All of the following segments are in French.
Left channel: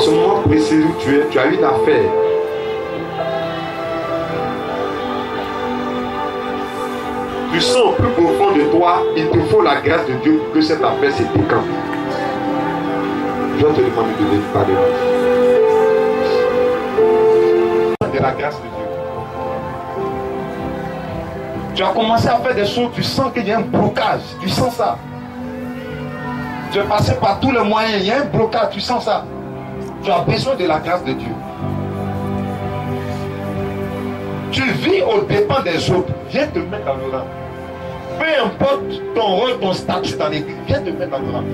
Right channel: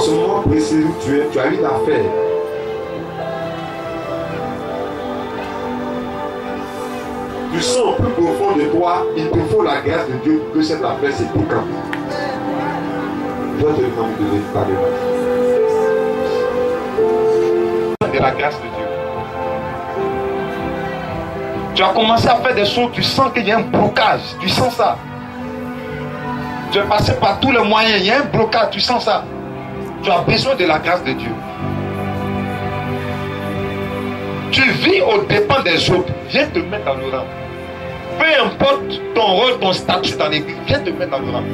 ce moment précis où tu as une affaire. Tu sens plus profond de toi, il te faut la grâce de Dieu pour que cette affaire se décante. Je vais te demander de parler. De la grâce de Dieu. Tu as commencé à faire des choses, tu sens qu'il y a un blocage, tu sens ça. Tu es passé par tous les moyens, il y a un blocage, tu sens ça. Tu as besoin de la grâce de Dieu. Tu vis aux dépens des autres, viens te mettre dans le rang. Peu importe ton rôle, ton statut dans l'église, viens te mettre dans le rang.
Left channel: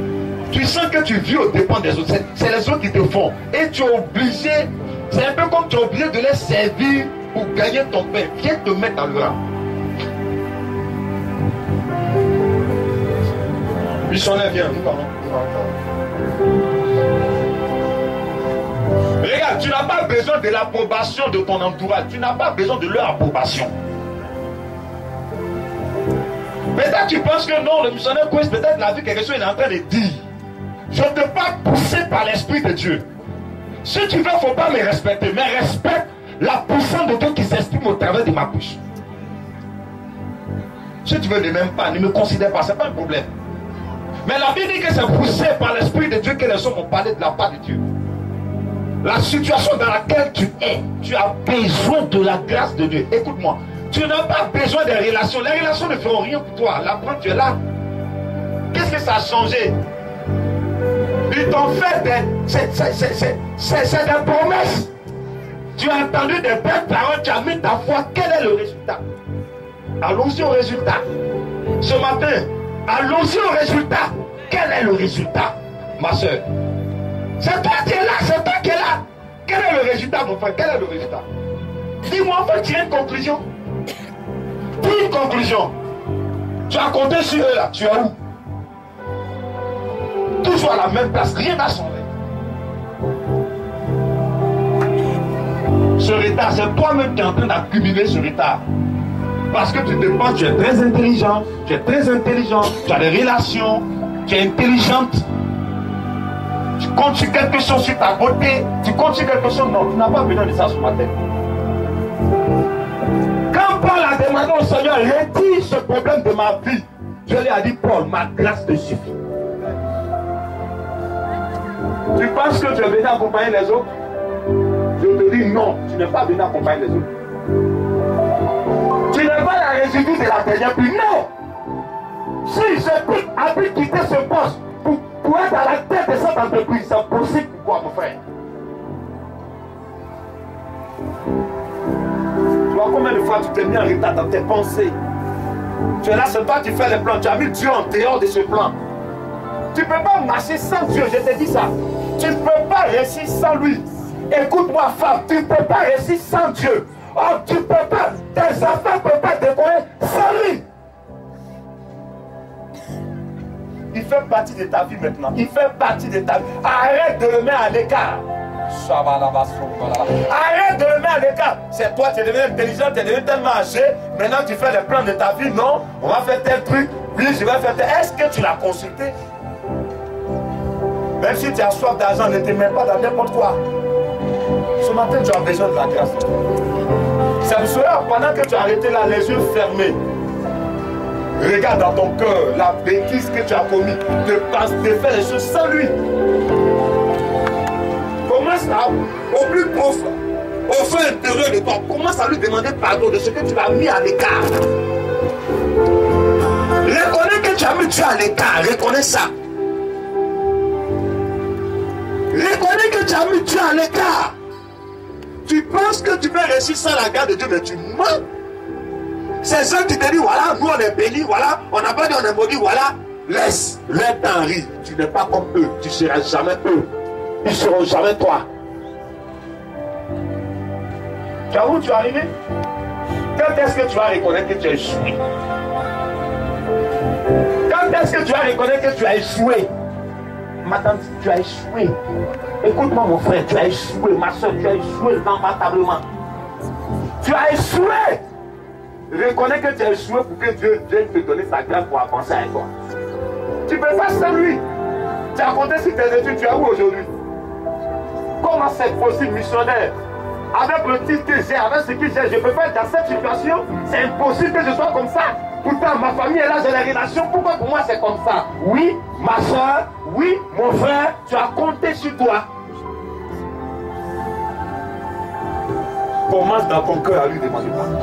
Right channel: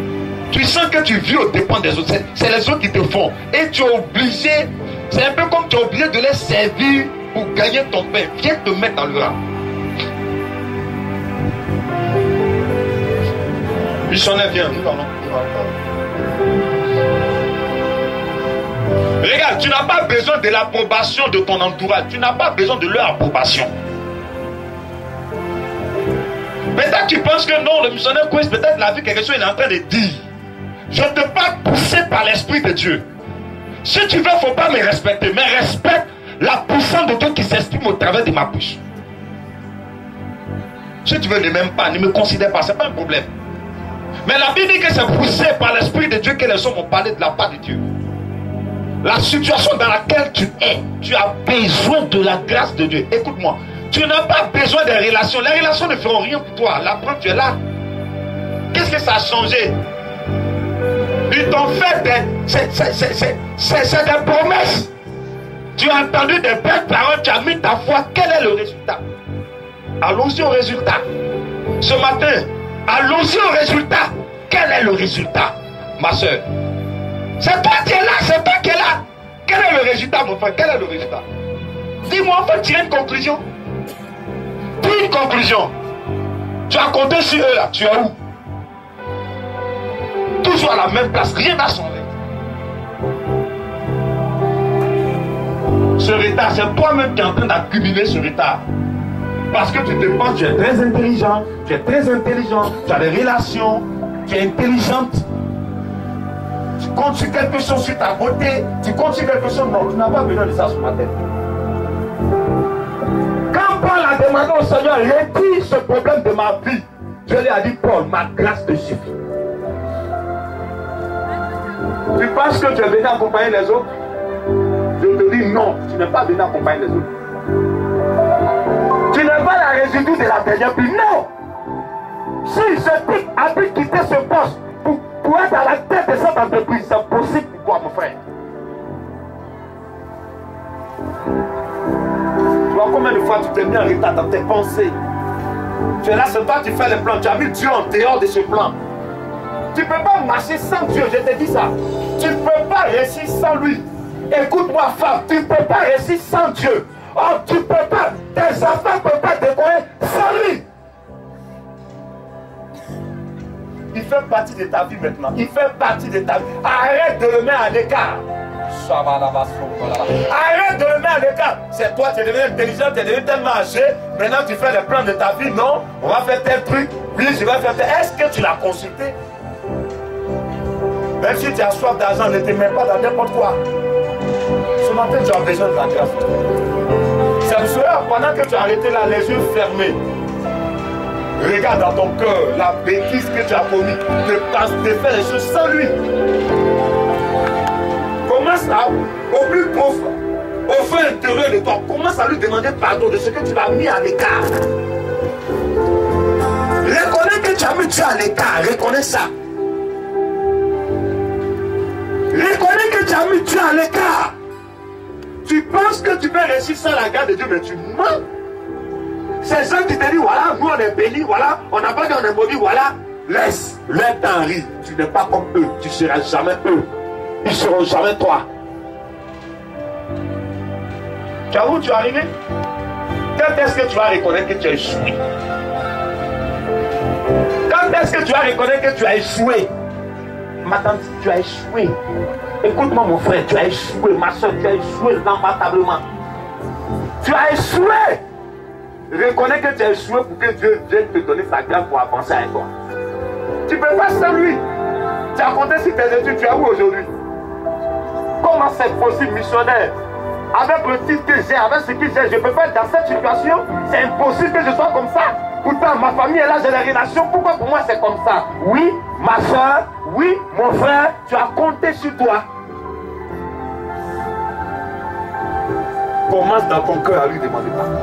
Tu sens que tu vis aux dépens des autres, c'est les autres qui te font. Et tu es obligé, c'est un peu comme tu es obligé de les servir pour gagner ton pain. Viens te mettre dans le rang. Missionnaire, viens, nous allons. Regarde, tu n'as pas besoin de l'approbation de ton entourage. Tu n'as pas besoin de leur approbation. Peut-être tu penses que non, le missionnaire Quest, peut-être la vie quelque chose il est en train de dire. Je ne te pas poussé par l'Esprit de Dieu. Si tu veux, il ne faut pas me respecter. Mais respecte la puissance de Dieu qui s'exprime au travers de ma bouche. Si tu veux, ne m'aimes pas, ne me considère pas, ce n'est pas un problème. Mais la Bible dit que c'est poussé par l'Esprit de Dieu que les hommes ont parlé de la part de Dieu. La situation dans laquelle tu es, tu as besoin de la grâce de Dieu. Écoute-moi, tu n'as pas besoin des relations. Les relations ne feront rien pour toi. La preuve, tu es là. Qu'est-ce que ça a changé? Ils t'ont fait des promesses. Tu as entendu des belles paroles, tu as mis ta foi. Quel est le résultat? Allons-y au résultat. Ce matin, allons-y au résultat. Quel est le résultat, ma soeur? C'est toi qui es là, c'est toi qui es là. Quel est le résultat, mon frère? Quel est le résultat? Dis-moi, on peut tirer une conclusion. Dis une conclusion. Tu as compté sur eux là, tu es où? Toujours à la même place, rien n'a changé. Ce retard, c'est toi-même qui es en train d'accumuler ce retard. Parce que tu te penses, tu es très intelligent, tu as des relations, tu es intelligente. Tu comptes sur quelque chose sur ta beauté, tu comptes sur quelque chose, non, tu n'as pas besoin de ça ce matin. Quand Paul a demandé au Seigneur, retire ce problème de ma vie, Dieu lui a dit, Paul, ma grâce te suffit. Tu penses que tu es venu accompagner les autres? Je te dis non, tu n'es pas venu accompagner les autres. Tu n'es pas la résidue de la dernière pluie, non. Si je a pu quitter ce poste pour être à la tête de cette entreprise, c'est possible pour quoi, mon frère? Tu vois combien de fois tu t'es mis en retard dans tes pensées? Tu es là, c'est toi qui fais les plans, tu as mis Dieu en dehors de ce plan. Tu ne peux pas marcher sans Dieu, je te dis ça. Tu ne peux pas réussir sans lui. Écoute-moi, femme, tu ne peux pas réussir sans Dieu. Oh, tu ne peux pas, tes enfants ne peuvent pas décoller sans lui. Il fait partie de ta vie maintenant. Il fait partie de ta vie. Arrête de le mettre à l'écart. Arrête de le mettre à l'écart. C'est toi, tu es devenu intelligent, tu es devenu tellement âgé. Maintenant, tu fais les plans de ta vie. Non, on va faire tel truc. Oui, je vais faire tel. Est-ce que tu l'as consulté? Même si tu as soif d'argent, ne te mets pas dans n'importe quoi. Ce matin, tu as besoin de la grâce. C'est pour cela, pendant que tu as arrêté là, les yeux fermés, regarde dans ton cœur la bêtise que tu as commis de faire les choses sans lui. Commence à, au plus profond, au fond intérieur de toi, commence à lui demander pardon de ce que tu as mis à l'écart. Reconnais que tu as mis Dieu à l'écart, reconnais ça. Reconnais que tu as mis Dieu à l'écart. Tu penses que tu peux réussir sans la grâce de Dieu, mais tu mens. Ces gens qui te disent, voilà, nous on est bénis, voilà, on n'a pas dit on est maudit, voilà. Laisse, leur t'en rire. Tu n'es pas comme eux, tu ne seras jamais eux. Ils ne seront jamais toi. Tu as où tu es arrivé? Quand est-ce que tu vas reconnaître que tu as échoué? Quand est-ce que tu vas reconnaître que tu as échoué? Ma tante, tu as échoué. Écoute-moi mon frère, tu as échoué. Ma soeur, tu as échoué lamentablement. Tu as échoué. Reconnais que tu as échoué pour que Dieu vienne te donner sa grâce pour avancer avec toi. Tu ne peux pas sans lui. Tu as compté sur tes études, tu es où aujourd'hui? Comment c'est possible, missionnaire? Avec le titre que j'ai, avec ce que j'ai, je peux pas être dans cette situation. C'est impossible que je sois comme ça. Pourtant, ma famille est là, j'ai des relations. Pourquoi pour moi c'est comme ça? Oui, ma soeur, oui, mon frère, tu as compté sur toi. Commence dans ton cœur à lui demander pardon.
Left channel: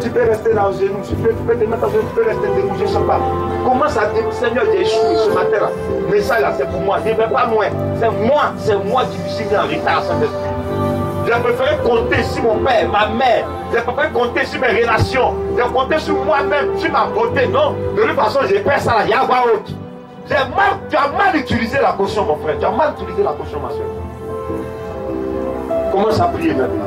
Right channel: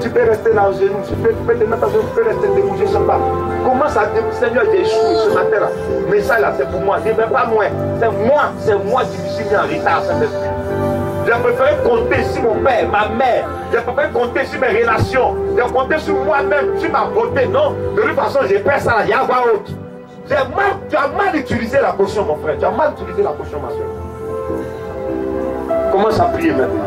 Tu peux rester là en genoux, tu peux te mettre en genoux, tu peux rester debout, je ne sais pas. Commence à dire, Seigneur, j'ai échoué ce matin-là. Mais ça là, c'est pour moi, ne vais pas loin. C'est moi qui me suis mis en retard, Saint-Esprit. J'ai préféré compter sur mon père, ma mère. J'ai préféré compter sur mes relations. J'ai compté sur moi-même, sur ma beauté. Non, de toute façon, j'ai pris ça là, il y a quoi autre. Tu as mal utilisé la potion, mon frère. Tu as mal utilisé la potion, ma soeur. Commence à prier maintenant.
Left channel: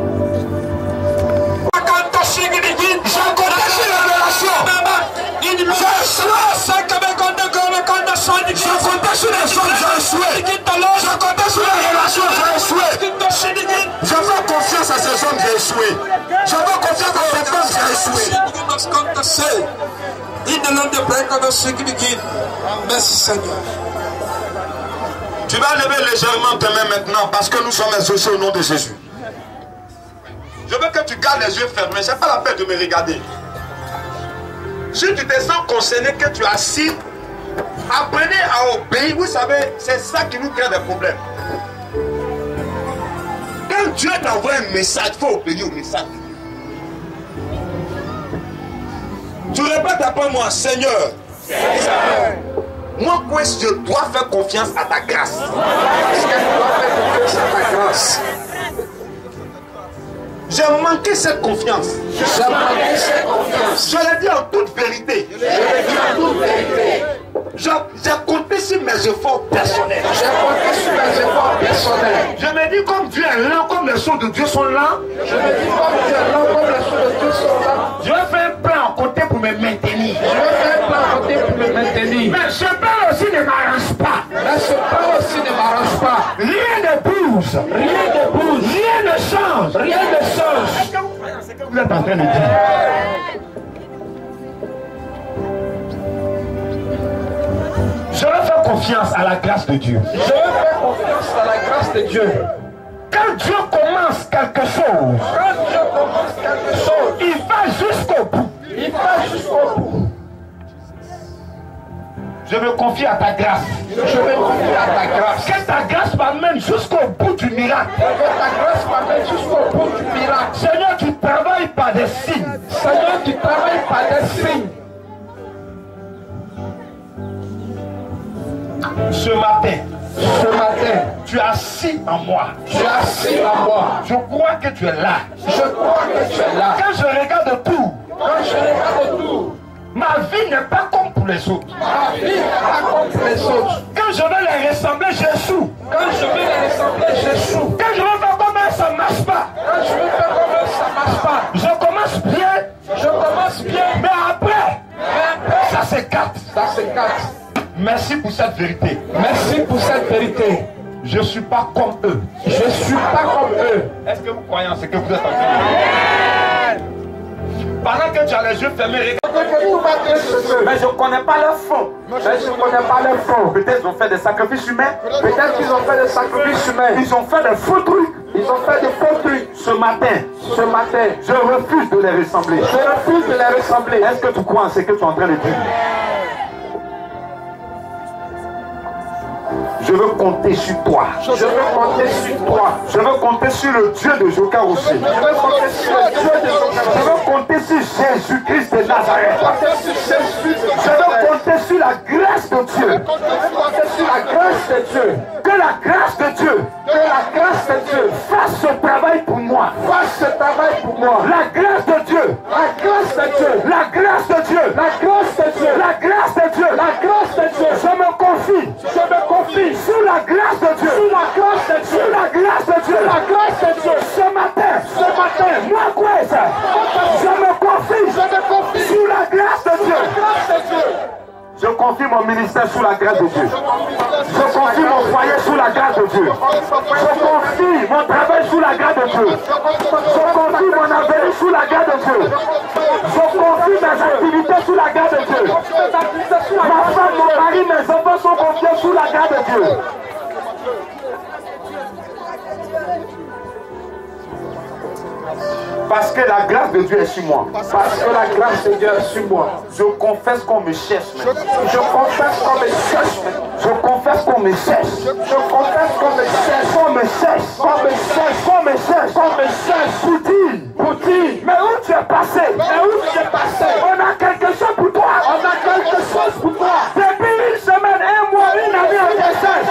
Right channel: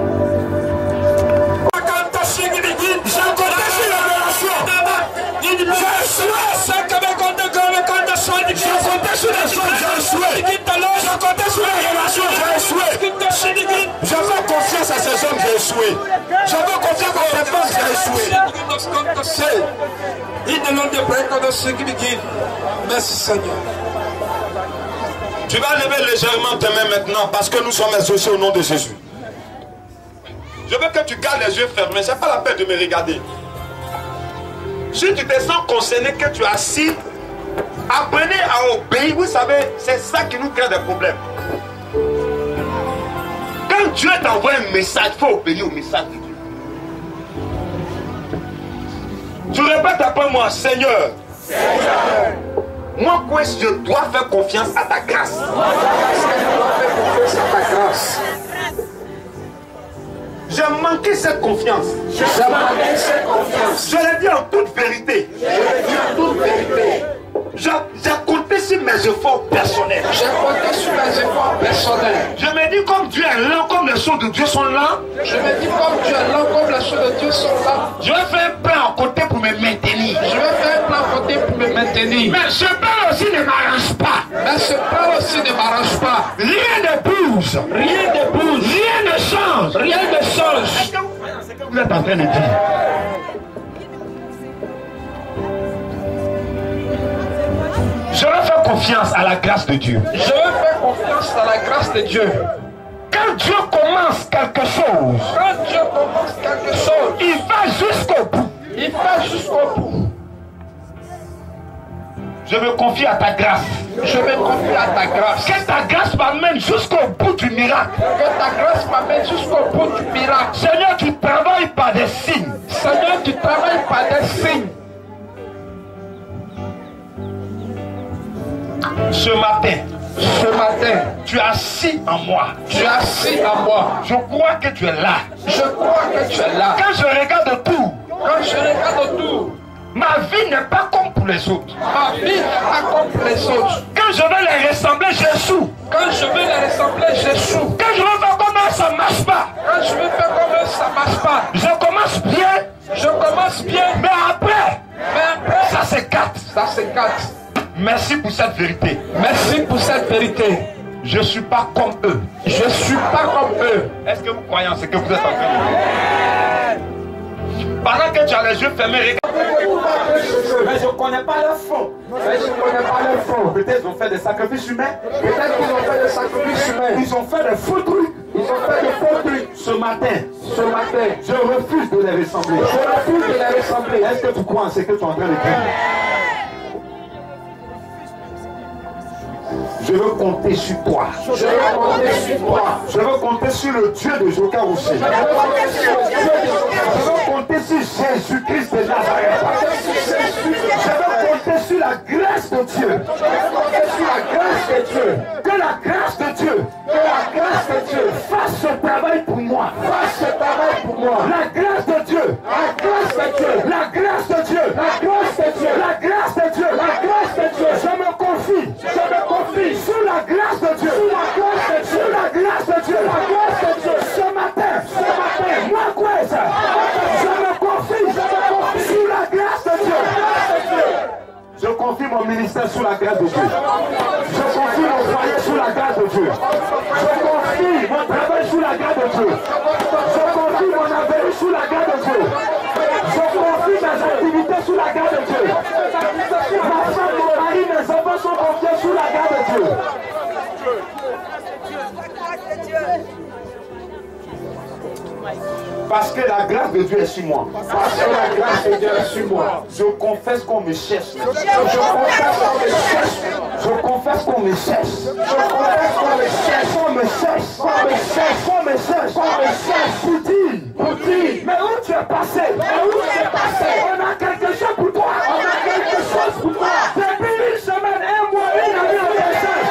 Je veux confiance à ces hommes qui ont échoué. Je veux confiance à ces femmes qui ont échoué. Merci Seigneur. Tu vas lever légèrement tes mains maintenant parce que nous sommes associés au nom de Jésus. Je veux que tu gardes les yeux fermés. Ce n'est pas la peine de me regarder. Si tu te sens concerné, que tu es assis, apprenez à obéir. Vous savez, c'est ça qui nous crée des problèmes. Quand Dieu t'envoie un message, il faut obéir au message de Dieu. Tu répètes après moi, Seigneur. Seigneur. Moi, quoi, je dois faire confiance à ta grâce. J'ai manqué cette confiance. Je l'ai dit en toute vérité. J'ai compté sur mes efforts personnels. Je me dis comme Dieu est lent, comme les choses de Dieu sont lents. Je vais faire un plan à côté pour me maintenir. Mais ce plan aussi ne m'arrange pas. Rien ne bouge. Rien ne change. Est-ce que vous êtes en train de dire? Je vais faire confiance à la grâce de Dieu. Quand Dieu commence quelque chose, il va jusqu'au bout. Je me confie à ta grâce. Que ta grâce m'amène jusqu'au bout du miracle. Seigneur, tu travailles par des signes. Ce matin, tu es assis en moi. Je crois que tu es là. Quand je regarde autour, ma vie n'est pas comme pour les autres. Quand je veux les ressembler, j'échoue. Quand je veux faire comme eux, ça ne marche pas. Je commence bien. Mais après, ça s'écarte. Merci pour cette vérité. Je ne suis pas comme eux. Est-ce que vous croyez en ce que vous êtes en train de dire? Pendant que tu as les yeux fermés, regarde. Mais je ne connais pas leur fond. Peut-être qu'ils ont fait des sacrifices humains. Ils ont fait des faux trucs. Ce matin, je refuse de les ressembler. Est-ce que tu crois en ce que tu es en train de dire? Je veux compter sur toi. Je veux compter sur le Dieu de Joka aussi. Je veux compter sur Jésus-Christ de Nazareth. Je veux compter sur la grâce de Dieu. Que la grâce de Dieu fasse ce travail pour moi. La grâce de Dieu. Je me confie. Sous la grâce de Dieu. Ce matin, moi quoi ça? Je me confie sous la grâce de Dieu. Je confie mon ministère sous la grâce de Dieu. Je confie mon foyer sous la grâce de Dieu. Je confie mon travail sous la grâce de Dieu. Je confie mon avenir sous la grâce de Dieu. Je confie mes activités sous la grâce de Dieu. Ma femme, mon mari, mes enfants sont confiés sous la grâce de Dieu. Parce que la grâce de Dieu est sur moi. Parce que la grâce de Dieu est sur moi. Je confesse qu'on me cherche. Je confesse qu'on me cherche. Je confesse qu'on me cherche. Je confesse qu'on me cherche. Qu'on me cherche. Qu'on me cherche. Qu'on me cherche. Qu'on me cherche. Pour dire. Pour dire. Mais où tu es passé? Mais où tu es passé? On a quelque chose pour toi. On a quelque chose pour toi. Depuis une semaine, un mois, une année, on te cherche.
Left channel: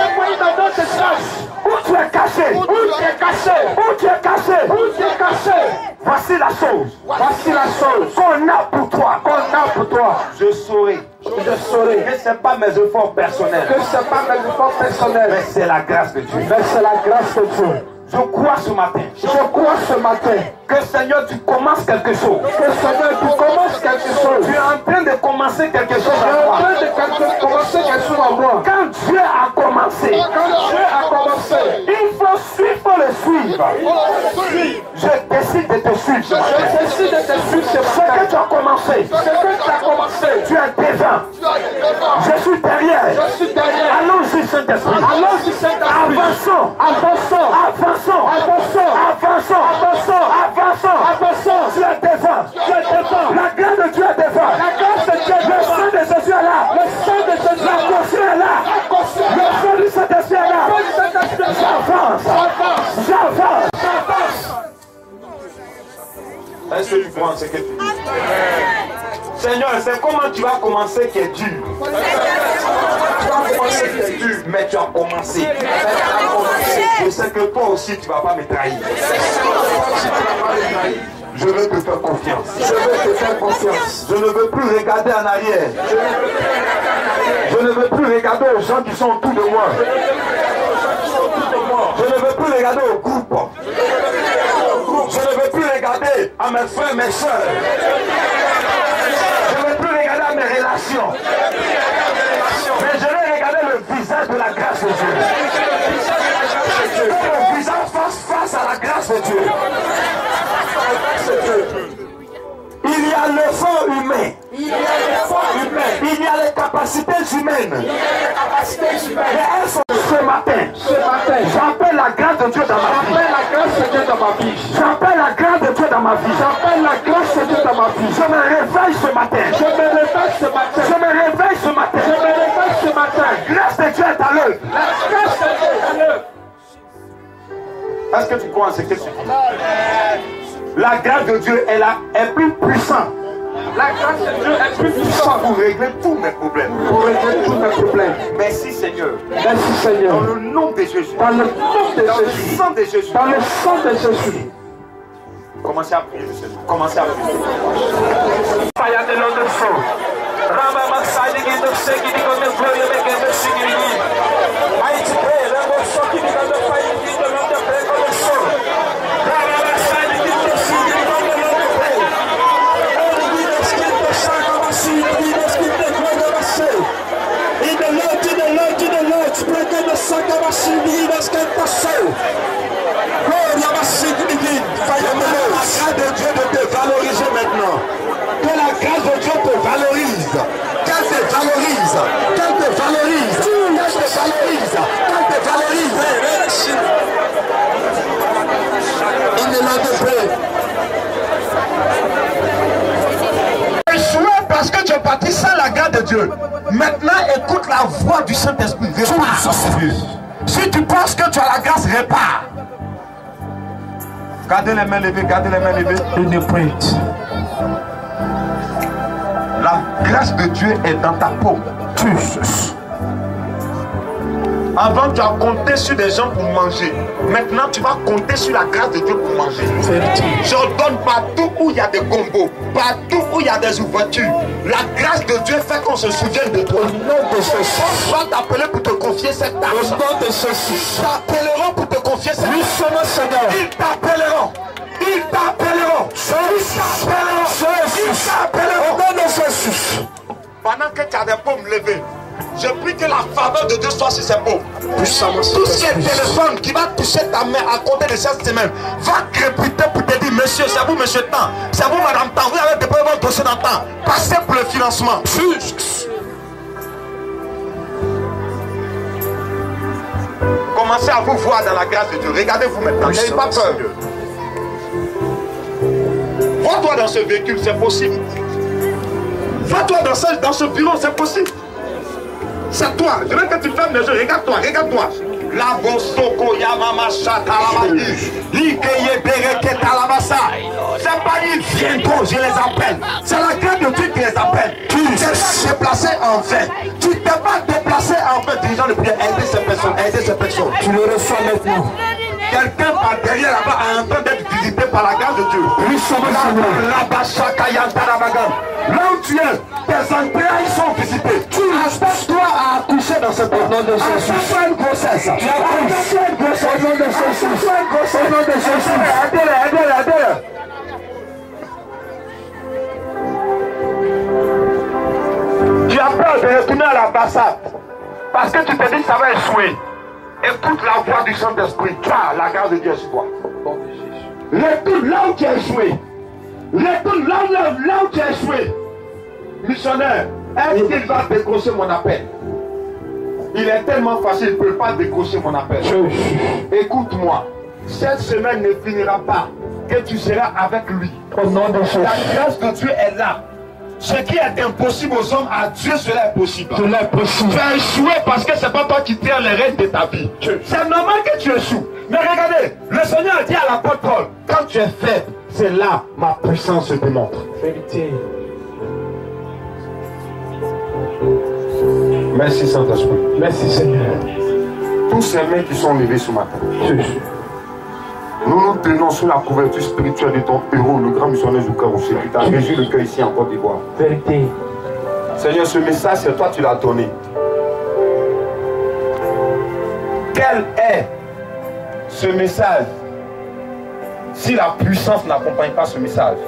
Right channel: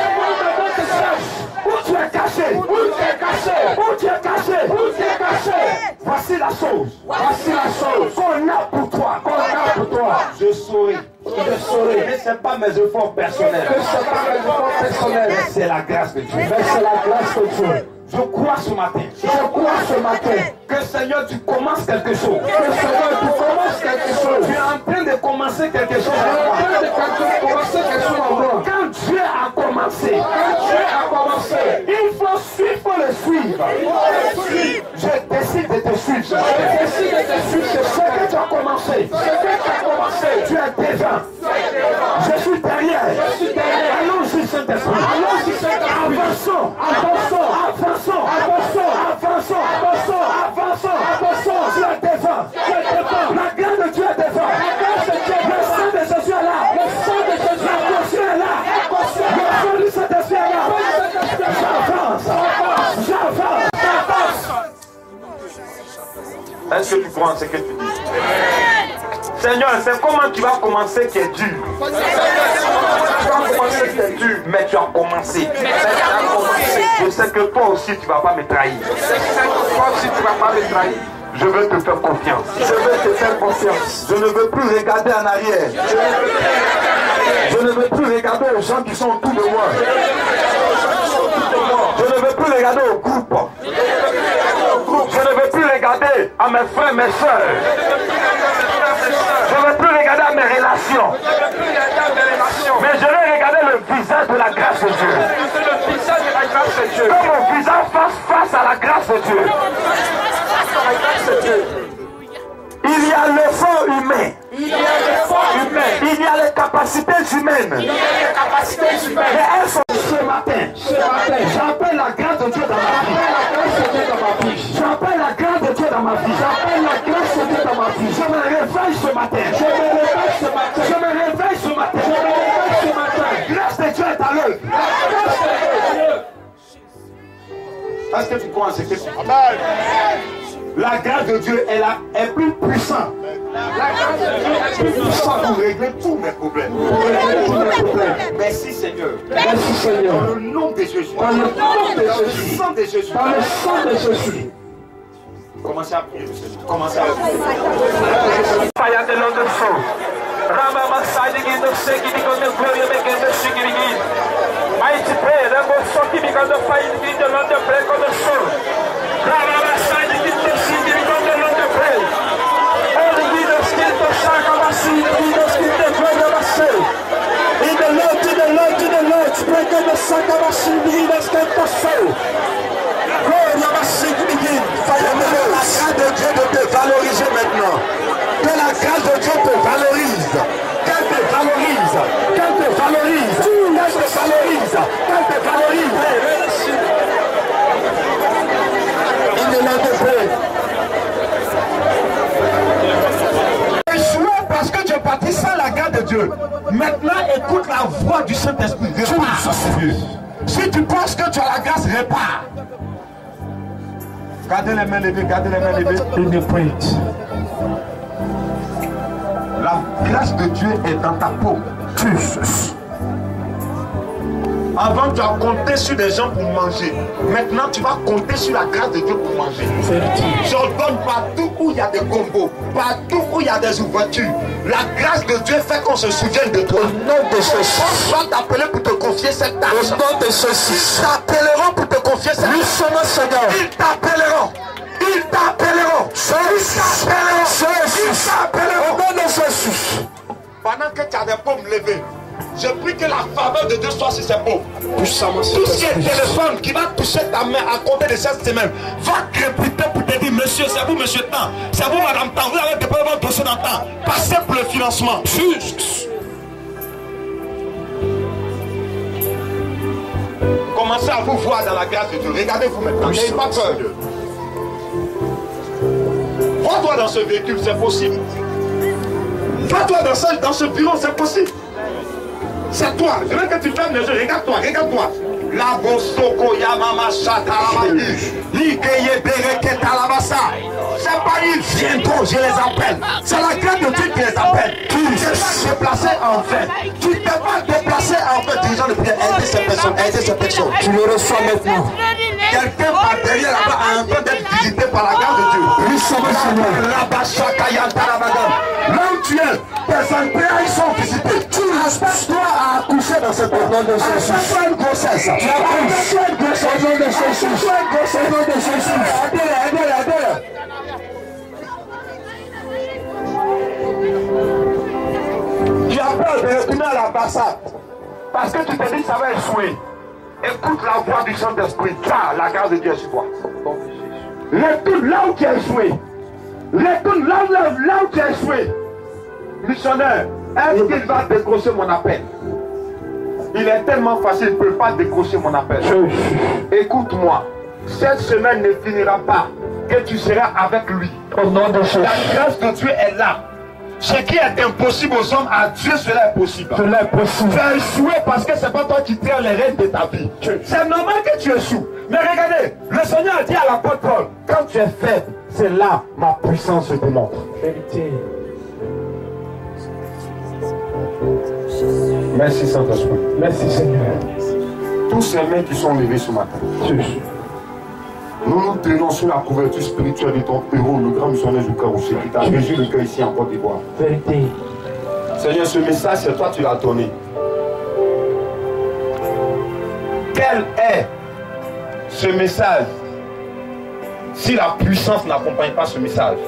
On te cherche. Où tu es caché? Où tu es caché? Où tu es caché? Où tu es caché? Voici la chose. Voici la chose Qu'on a pour toi. qu'on a pour toi. Je saurai. Je saurai. Mais ce n'est pas mes efforts personnels. Que ce n'est pas mes efforts personnels. Mais c'est la grâce de Dieu. Mais c'est la grâce de Dieu. Je crois ce matin. Je crois ce matin Que Seigneur, tu commences quelque chose. que Seigneur, tu commences quelque chose. Tu es en train de commencer quelque chose Tu es à en moi. train de commencer quelque chose en moi. Quand Dieu a commencé, Quand Dieu a commencé, il faut le suivre. Je décide de te suivre. je décide de te suivre. Ce que tu as commencé, Ce que tu as commencé, tu es devant. Je suis derrière. je suis derrière. Allons-y, Saint-Esprit. Allons-y, Saint-Esprit. Avançons. Avançons. Avançons. Avançons. Avançons. Avançons. Avançons. Avançons. Tu es devant. Tu es devant. La grâce de Dieu est devant. La grâce de Dieu est Le devant. sang de Jésus est là. Le sang de Jésus La conscience est là. est conscient. Le sang du Saint-Esprit est là. J'avance. J'avance. Est-ce que tu crois en ce que tu dis? Seigneur, c'est comment tu vas commencer qui est dur. Tu vas commencer qui est dur, mais tu as commencé. Je sais que toi aussi tu ne vas pas me trahir. Toi aussi tu ne vas pas me trahir. Je veux te faire confiance. Je veux te faire confiance. Je ne veux plus regarder en arrière. Je ne veux plus regarder aux gens qui sont autour de moi. Je ne veux plus regarder au groupe. Je ne veux plus regarder à mes frères, mes soeurs. Je ne veux plus regarder à mes relations. Mais je vais regarder le visage de la grâce de Dieu. Que mon visage fasse face à la grâce de Dieu. Il y a le fond humain. Il y a les forces humaines. Il y a les capacités humaines. Il y a les capacités humaines. Mais elles sont ce matin. Ce matin, J'appelle la grâce de Dieu dans ma vie. j'appelle la grâce de Dieu dans ma vie. J'appelle la grâce de Dieu dans ma vie. J'appelle la grâce de Dieu dans ma vie. Je me réveille ce matin. Je me réveille ce matin. Je me réveille ce matin. Je me réveille ce matin. La grâce de Dieu est à l'œuvre. La grâce de Dieu est à l'œuvre. Est-ce que tu crois en ce que tu dis? La grâce de Dieu est plus puissante. La grâce de Dieu est plus puissante Pour régler tous mes problèmes. pour régler tous mes problèmes. Merci Seigneur. Merci Seigneur. Dans le nom de Jésus. Dans le nom de Dans le Jésus. sang de Jésus. Dans le sang de Jésus. Commencez à prier, monsieur. Commencez à prier. La grâce de Dieu de te valoriser maintenant. Que la grâce de Dieu te valorise. Qu'elle te valorise. Qu'elle te valorise. Qu'elle te valorise. Qu'elle te valorise. Il ne l'en te plaît. Échoué parce que tu es parti sans la grâce de Dieu. Maintenant, écoute la voix du Saint-Esprit. Répare. Si tu penses que tu as la grâce, répare. Gardez les mains levées, gardez les mains levées. In the print. La grâce de Dieu est dans ta peau. Jesus. Avant, tu as compté sur des gens pour manger. Maintenant, tu vas compter sur la grâce de Dieu pour manger. J'ordonne partout où il y a des combos, partout où il y a des ouvertures. La grâce de Dieu fait qu'on se souvienne de toi. Au nom de Jésus. On va t'appeler pour te confier cette tâche. Au nom de Jésus. Ils t'appelleront pour te confier cette Nous tâche. sommes Seigneur. Ils t'appelleront. Ils t'appelleront. Ils t'appelleront. Ils t'appelleront. Au nom de Jésus. Pendant que tu as des paumes levées, je prie que la faveur de Dieu soit sur ces paumes. Puissamment. Tout ce qui est téléphone qui va toucher ta main à compter de cette semaine va crépiter pour te dire, monsieur, c'est vous, monsieur Tan, c'est vous, madame Tan, vous avez déposé votre dossier dans Tan. Passez pour le financement. Commencez à vous voir dans la grâce de Dieu. Regardez-vous maintenant. N'ayez pas peur. Va-toi dans ce véhicule, c'est possible. Va-toi dans ce bureau, c'est possible. C'est toi. Je veux que tu fermes les yeux. Regarde-toi, regarde-toi. La Bosoko Yamama Shatalamadi. Nikeye Bereke Talamasa. C'est pas ils viennent trop, je les appelle. C'est la grâce de Dieu qui les appelle. Tu ne t'es pas déplacé en vain. Tu ne t'es pas déplacé en vain. Dirigeant de prière, aider ces personnes, aider ces personnes. Tu le reçois maintenant. Quelqu'un par derrière là-bas est en train d'être visité par la grâce de Dieu. Là où tu es, tes entrailles sont visitées. Tu respectes-toi à accoucher dans cette nom de Jésus. Tu as une grossesse. Tu as une grossesse au nom de Jésus. Tu as une grossesse au nom de Jésus. Aidez-le, aidez-le, aidez-le. Tu as peur de retourner à l'ambassade parce que tu te dis que ça va échouer. Écoute la voix du Saint-Esprit. Tu as la grâce de Dieu sur toi. Retourne là où tu as échoué. Retourne là où tu as échoué. Missionnaire, est-ce qu'il va décrocher mon appel? Il est tellement facile, il ne peut pas décrocher mon appel. Écoute-moi. Cette semaine ne finira pas que tu seras avec lui. Au nom de Jésus. La grâce de Dieu est là. Ce qui est impossible aux hommes, à Dieu cela est possible. Cela est possible. Tu as échoué parce que ce n'est pas toi qui tiens les rênes de ta vie. C'est normal que tu échoues. Mais regardez, le Seigneur a dit à l'apôtre Paul, quand tu es faible, c'est là ma puissance se démontre. Vérité. Merci Saint-Esprit. Merci Seigneur. Tous ces mains qui sont levés ce matin. Nous nous tenons sur la couverture spirituelle de ton héros, le grand missionnaire du cœur aussi, qui t'a régi le cœur ici en Côte d'Ivoire. Vérité. Seigneur, ce message, c'est toi qui l'as donné. Quel est ce message si la puissance n'accompagne pas ce message?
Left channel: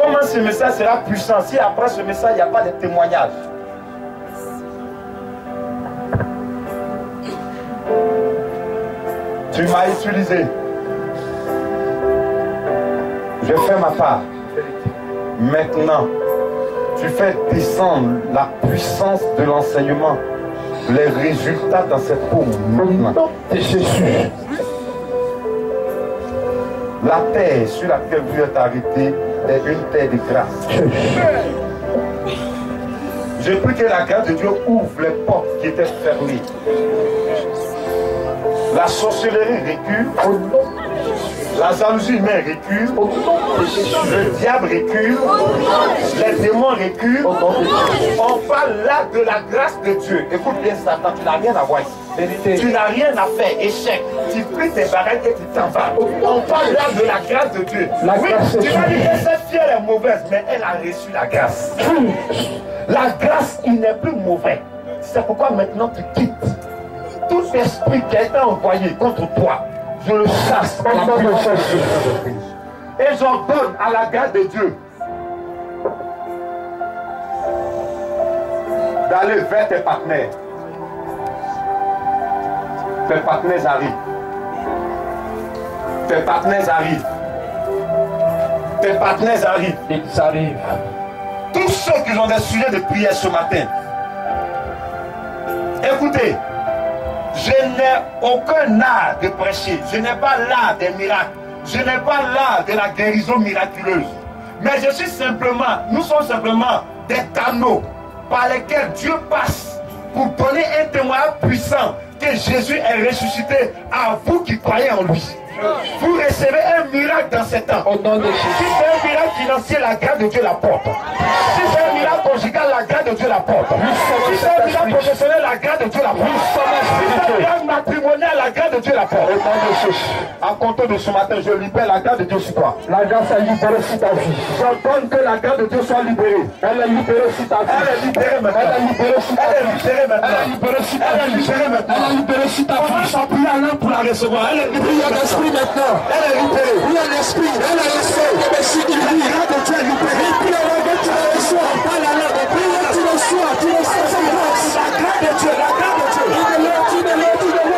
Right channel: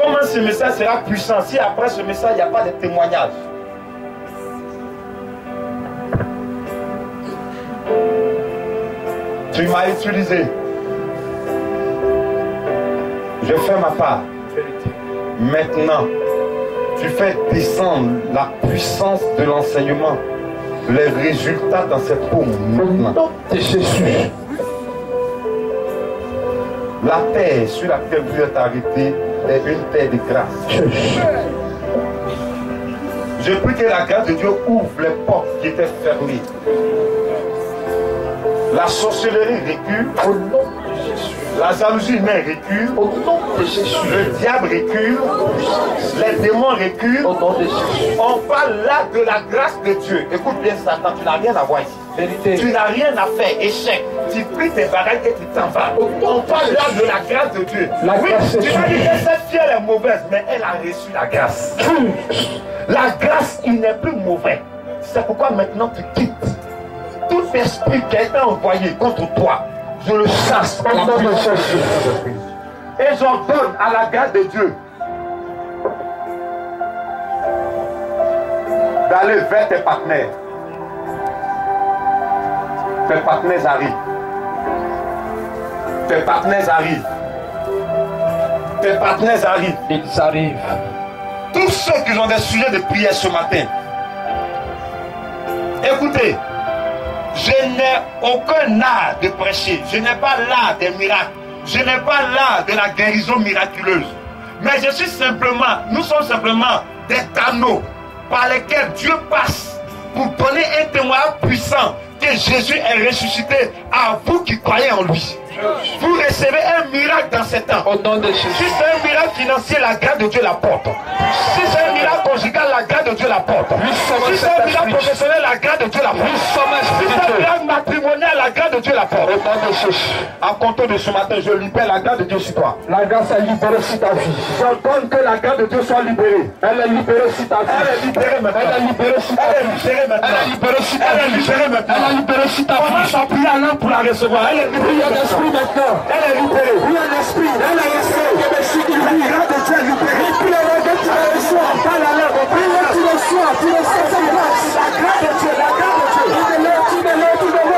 Comment ce message sera puissant si après ce message, il n'y a pas de témoignage? Tu m'as utilisé. Je fais ma part. Maintenant, tu fais descendre la puissance de l'enseignement, les résultats dans cette peau maintenant. Et Jésus. La terre sur laquelle vous êtes arrêté est une terre de grâce. Je prie que la grâce de Dieu ouvre les portes qui étaient fermées. La sorcellerie recule au nom de Jésus. La jalousie humaine recule au nom de Jésus. Le diable recule. Les démons reculent au nom de Jésus. On parle là de la grâce de Dieu. Écoute bien Satan, tu n'as rien à voir ici. Vérité. Tu n'as rien à faire, échec. Tu pries tes bagages et tu t'en vas. On parle là de la grâce de Dieu. La grâce tu vas dire que cette fille elle est mauvaise, mais elle a reçu la grâce. La grâce, il n'est plus mauvais. C'est pourquoi maintenant tu quittes. Tout esprit qui a été envoyé contre toi, je le chasse au nom de Jésus. Et j'ordonne à la grâce de Dieu d'aller vers tes partenaires. Tes partenaires arrivent. Tes partenaires arrivent. Tes partenaires arrivent. Ils arrivent. Tous ceux qui ont des sujets de prière ce matin, écoutez. Je n'ai aucun art de prêcher. Je n'ai pas l'art des miracles. Je n'ai pas l'art de la guérison miraculeuse. Mais je suis simplement, nous sommes simplement des canaux par lesquels Dieu passe pour donner un témoignage puissant que Jésus est ressuscité à vous qui croyez en lui. Vous recevez un miracle dans ces temps. Au nom de Jésus. Si c'est un miracle financier, la grâce de Dieu l'apporte. Si c'est un miracle conjugal, la grâce de Dieu l'apporte. Si c'est un miracle professionnel, la grâce de Dieu l'apporte. Si c'est un miracle matrimonial, la grâce de Dieu l'apporte. Au nom de Jésus. À compter de ce matin, je libère la grâce de Dieu sur toi. La grâce est libérée sur ta vie. J'ordonne que la grâce de Dieu soit libérée. Elle est libérée sur ta vie. Elle est libérée maintenant. Elle est libérée sur ta vie. Elle est libérée maintenant. Elle est libérée sur ta vie. Elle est libérée maintenant. Elle est libérée sur ta vie. On va s'appuyer à l'un pour la recevoir. Elle est libérée maintenant. Elle est libérée. Oui, l'esprit. Elle est libérée. La grâce de Dieu est libérée. Et puis la grâce de Dieu le soir. Pas la langue. Tu le sois. Tu le sais. La grâce de Dieu. La grâce de Dieu. Tu ne l'es. Tu ne l'es.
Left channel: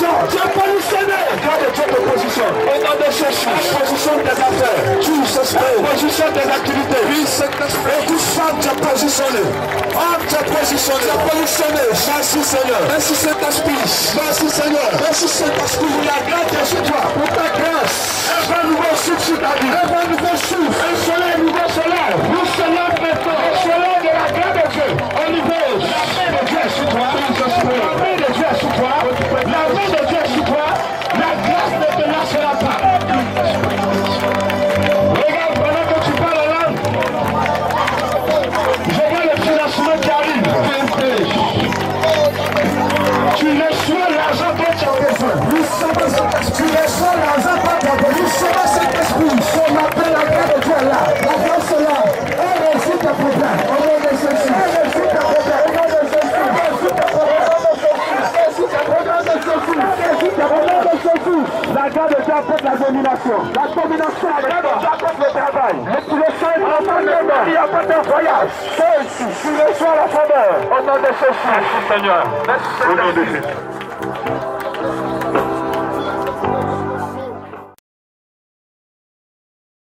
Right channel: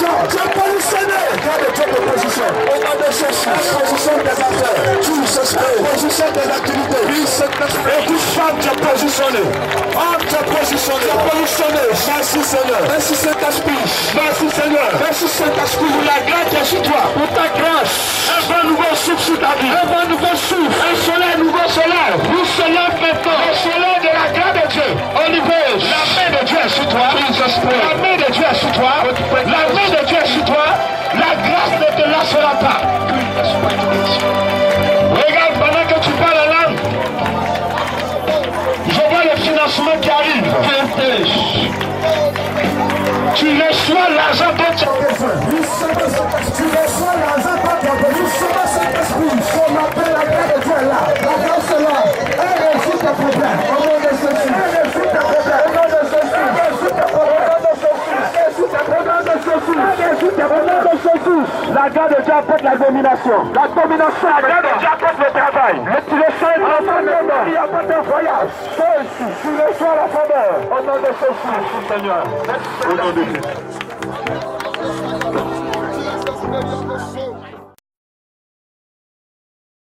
position. Tu es positionné. Grâce à Dieu de position. Au nom de Jésus. La position des affaires. Tout s'espère. La position des activités. Oui, c'est et toute femme, tu es positionné. Homme, tu es positionné. Tu es positionné. Merci Seigneur. Merci Saint-Esprit. Merci Seigneur. Merci Saint-Esprit. Pour la grâce qui est sur toi. Pour ta grâce. Un vent nouveau souffle sur ta vie. Un vent nouveau souffle. Un soleil nouveau soleil. Nous se lève maintenant. Le soleil de la grâce de Dieu. Holy Ghost. La main de Dieu est sur toi. La main de Dieu est sur toi. La main de Dieu est sur toi. La grâce ne te lâchera pas. Regarde, pendant que tu parles la langue, je vois le financement qui arrive. Tu reçois l'argent dont tu as besoin. Tu reçois l'argent dont tu as besoin. Nous sommes cet esprit. On appelle la grâce de Dieu là. La grâce est là. Elle résout tes problèmes. Au nom de Jésus. Elle résout tes problèmes. Au nom de Jésus. Elle résout tes problèmes. La grâce de Dieu apporte la domination. La domination, la grâce de Dieu apporte le travail. Et tu le sens dans ton nom. Il apporte un voyage. Tu reçois la faveur. Au nom de Jésus. Merci Seigneur. Merci Seigneur.